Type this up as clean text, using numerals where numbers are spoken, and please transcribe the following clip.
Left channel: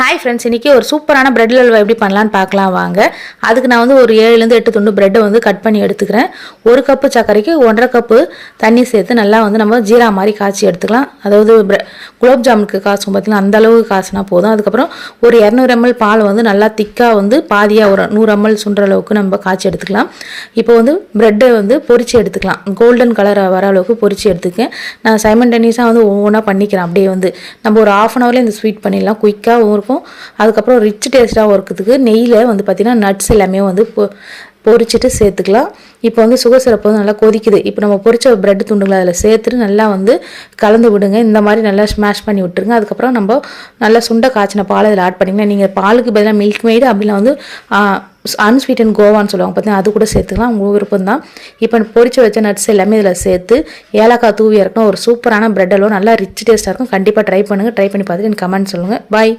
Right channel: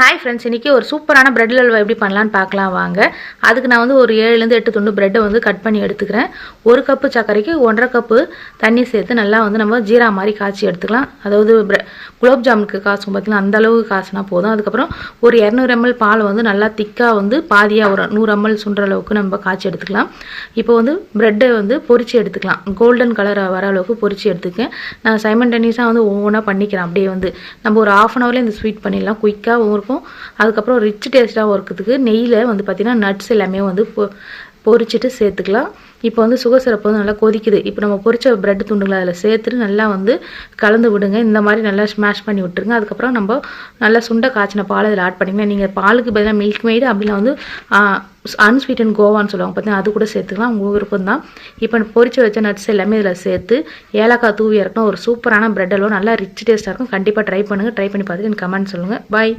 Hi friends, இன்றைக்கி ஒரு சூப்பரான பிரெட் அல்வா எப்படி பண்ணலான்னு பார்க்கலாம் வாங்க. அதுக்கு நான் வந்து ஒரு 7லேருந்து 8 துண்டு பிரெட்டை வந்து கட் பண்ணி எடுத்துக்கிறேன். 1 கப்பு சர்க்கரைக்கு 1.5 கப்பு தண்ணி சேர்த்து நல்லா வந்து நம்ம ஜீரா மாதிரி காய்ச்சி எடுத்துக்கலாம். அதாவது குலோப் ஜாமுனுக்கு காய்ச்சும் பார்த்திங்கன்னா அந்த அளவுக்கு காய்ச்சினா போதும். அதுக்கப்புறம் ஒரு 200 ml பால் வந்து நல்லா திக்காக வந்து பாதியாக ஒரு 100 ml சுண்டுற அளவுக்கு நம்ம காய்ச்சி எடுத்துக்கலாம். இப்போ வந்து பிரெட்டை வந்து பொரிச்சு எடுத்துக்கலாம். கோல்டன் கலர் வர அளவுக்கு பொரிச்சு எடுத்துக்கேன். நான் சைமல்டேனியஸாக வந்து ஒவ்வொன்றா பண்ணிக்கிறேன். அப்படியே வந்து நம்ம ஒரு 1/2 hourல இந்த ஸ்வீட் பண்ணிடலாம். குயிக்காகவும் இருக்கும். அதுக்கப்புறம் ரிச் டேஸ்ட்டாக இருக்கிறதுக்கு நெய்யில் வந்து பார்த்திங்கன்னா நட்ஸ் எல்லாமே வந்து பொரிச்சிட்டு சேர்த்துக்கலாம். இப்போ வந்து சுகர் சிரப்பு வந்து நல்லா கொதிக்குது. இப்போ நம்ம பொரிச்ச பிரெட் துண்டுங்களை அதில் சேர்த்துட்டு நல்லா வந்து கலந்து விடுங்க. இந்த மாதிரி நல்லா ஸ்மாஷ் பண்ணி விட்டுருங்க. அதுக்கப்புறம் நம்ம நல்லா சுண்டை காய்ச்சின பால் இதில் ஆட் பண்ணிக்கலாம். நீங்கள் பாலுக்கு பதிலாக மில்க் மெய்டு அப்படின்னா வந்து அன்ஸ்வீட்டன் கோவான்னு சொல்லுவாங்க பார்த்தீங்கன்னா, அது கூட சேர்த்துக்கலாம். உங்கள் விருப்பம் தான். இப்போ பொரிச்சு வச்ச நட்ஸ் எல்லாமே இதில் சேர்த்து ஏலக்காய் தூவி இறக்கணும். ஒரு சூப்பரான பிரெட் அல்வா நல்லா ரிச் டேஸ்ட்டாக இருக்கும். கண்டிப்பாக ட்ரை பண்ணுங்கள். ட்ரை பண்ணி பார்த்துட்டு எனக்கு கமெண்ட் சொல்லுங்கள். பாய்.